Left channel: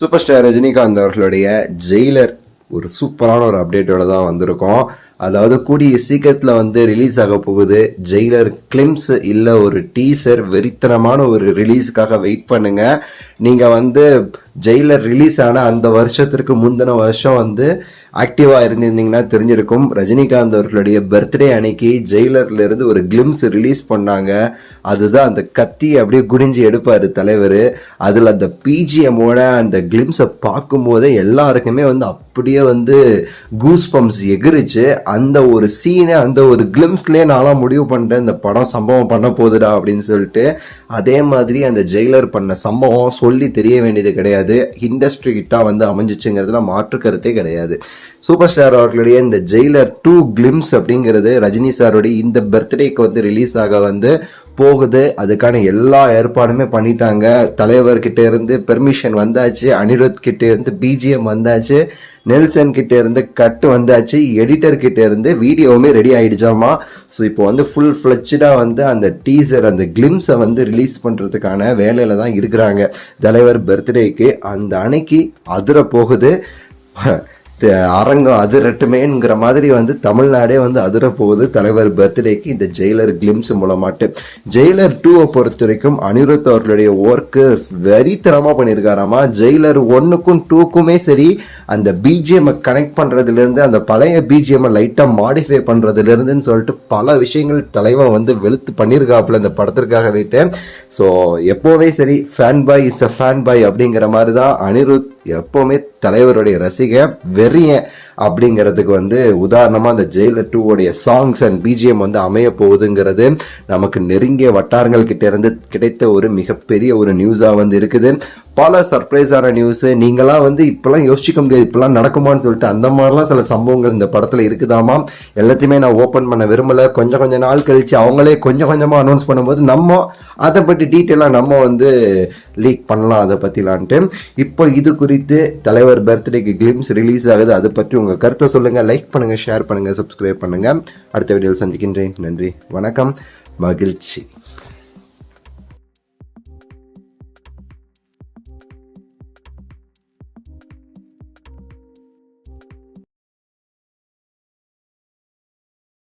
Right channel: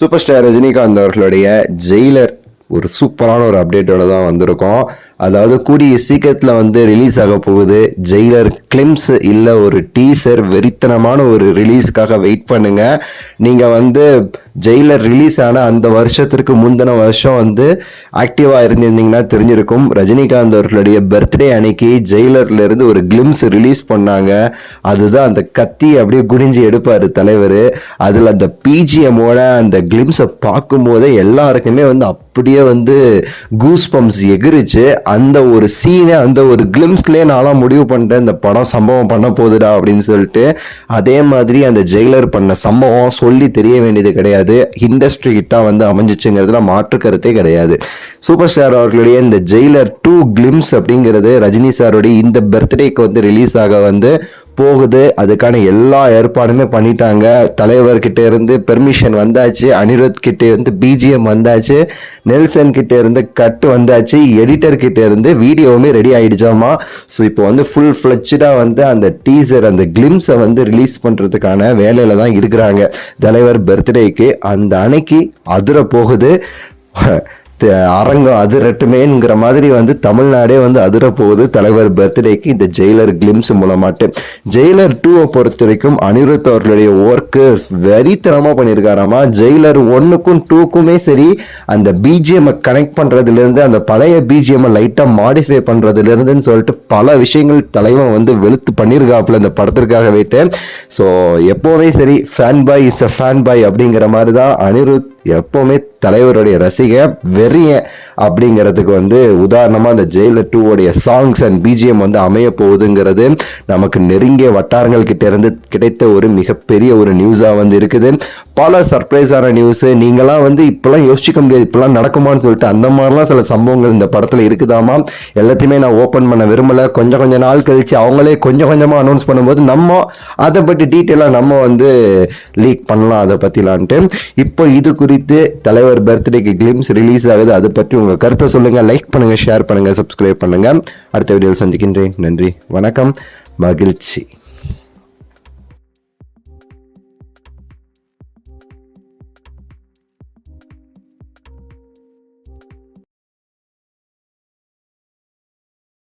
Super star Rajinikanth அவர்களுடைய Jailer ஒரு சூப்பரான ஒரு அப்டேட்டோட தான் வந்திருக்கோம். அதாவது கூடிய சீக்கிரத்தில் வந்து ரிலீஸ் ஆக போகுது ஜெயிலர் கிளிம்ஸ் இல்லை ஒரு டீசர். வெறித்தனமான ஒரு ரிலீஸுக்காக வெயிட் பண்ணுங்க. நீங்கள் வந்து ஜெயிலர் ரிலீஸ் ஆன அந்த வருஷத்திற்கு முந்தின வருஷம் வந்து ஆக்டிவாக இருந்திருந்தீங்கன்னா தெரிஞ்சிருக்கும். ரஜினிகாந்த் அவர்களுடைய பர்த்டே அன்னைக்கு ஜெயிலர்ல இருந்து ஒரு கிளிம்ஸ் ரிலீஸ் பண்ணாங்க. அதுதான் அந்த கத்தி அப்படியே குடிஞ்சு எடுப்பார் தலைவர். அதில் அந்த பிஜிஎம்மோட அந்த கிளிம்ஸை பார்க்கும்போதே எல்லாருக்குமே வந்து அப்படியே வந்து கூஸ் பம்ப்ஸ் எகிரிச்சு. அந்த ஒரு சீனை அந்த ஒரு கிளிம்ஸ்லேயே நான்லாம் முடிவு பண்ணிட்டேன் இந்த படம் சம்பவம் பண்ண போகுதுடா அப்படின்னு சொல்லிட்டு. அதே மாதிரி அந்த ஜெயிலர் பண்ண சம்பவம் சொல்லி தெரிய வேண்டியது கிடையாது. இண்டஸ்ட்ரி ஹிட்டா வந்து அமைஞ்சிச்சுங்கிறதுல மாற்று கருத்தே கிடையாது. சூப்பர் ஸ்டார் அவர்களுடைய இந்த ஜெயிலர் 2 கிளிம்ஸ் அப்படிங்கிறது ரஜினி சாருடைய இந்த பர்த்டேக்கு வந்து ரிலீஸ் ஆக வந்து போகுது. அதுக்கான எல்லா ஏற்பாடுமே பண்ணிட்டாங்க. தலைவர்கிட்ட இருந்து பெர்மிஷன் வந்தாச்சு, அனிருத் கிட்ட இருந்து பிஜிஎம் வந்தாச்சு, நெல்சன் கிட்ட இருந்து கட்டு வந்தாச்சு, எடிட்டர் கிட்ட இருந்து வீடியோவுமே ரெடி ஆயிடுச்சாமா. ஸோ இப்போ வந்து ஃபுல் ஃபிளட்ஜா வந்து அந்த டீசர் அந்த கிளிம்ஸை வந்து ரிலீஸ் பண்றதுக்கான வேலையில தான் இருக்கிறாங்க. தலைவர் பர்த்டேக்கு அந்த அன்னைக்கு அதிர போகுது. அரங்கம் அதிரட்டுமேங்கிற மாதிரி வந்து தமிழ்நாடே வந்து அதிர போகுது தலைவர் பர்த்டேக்கு இந்த ஜெயிலர் கிளிம்ஸ் மூலமாட்டு. ஜெயிலர் 2 பொறுத்த வரைக்கும் அனிருத் அவர்களுடைய ஒர்க்கு வெறித்தனமா பண்ணியிருக்காராமா. ஜெயிலர் 1க்கும் 2க்குமே சரி அந்த பிஜிஎம் கனெக்ட் பண்றதுல இருந்து அந்த பழைய பிஜிஎம் லைட்டா மாடிஃபை பண்றதுல இருந்துன்னு சொல்லிட்டு பல விஷயங்கள் தலைவன் வந்து வெளுத்து பண்ணியிருக்காப்புல இந்த படத்திற்காக போயிட்டு. ஸோ எப்போவே சரி fan boy is a fan boy அப்படிங்கிற மாதிரி தான் அனிருத் எப்பவுமே தலைவருடைய ரசிகன் வெறியன் அப்படிங்கிறதுக்கு வந்து உதாரணமா அந்த ஜெயிலர் 2 உடைய சாங்ஸ் அண்ட் பிஜிஎம் வந்து அமைய போகுதுங்கிறது நமக்கு நெருங்கிய வட்டாரங்கள் கிட்ட இருந்து கிடைத்த ஒரு மிகப்பெரிய ஒரு நியூஸா வந்து இருக்குது. பல சர்ப்ரைஸான நியூஸ். நீங்களாம் வந்து இப்பெல்லாம் யோசிக்க முடியாது இப்பெல்லாம் நடக்குமான்னு சொல்லிட்டு அந்த மாதிரிலாம் சில சம்பவங்கள் இந்த படத்துல இருக்குதாமா. எல்லாத்தையுமே நான் ஓப்பன் பண்ண விரும்பல. கொஞ்சம் நாள் கழிச்சு அவங்களே கொஞ்சமா அனௌன்ஸ் பண்ணும்போது நம்ம அதை பற்றி டீட்டெயிலாக நம்ம வந்து லீக் பண்ணலாம் அதை பற்றிலான்ட்டு. இப்போ இது குறித்து தலைவர் பர்த்டேக்கு கிளிம்ஸ் ரிலீஸ் ஆகுது. அதை பற்றி உங்கள் கருத்தை சொல்லுங்கள். லைக் பண்ணுங்கள், ஷேர் பண்ணுங்கள், சப்ஸ்கிரைப் பண்ணுங்கள். அடுத்த வீடியோவில் சந்திக்கின்றேன். நன்றி, வணக்கம், மகிழ்ச்சி.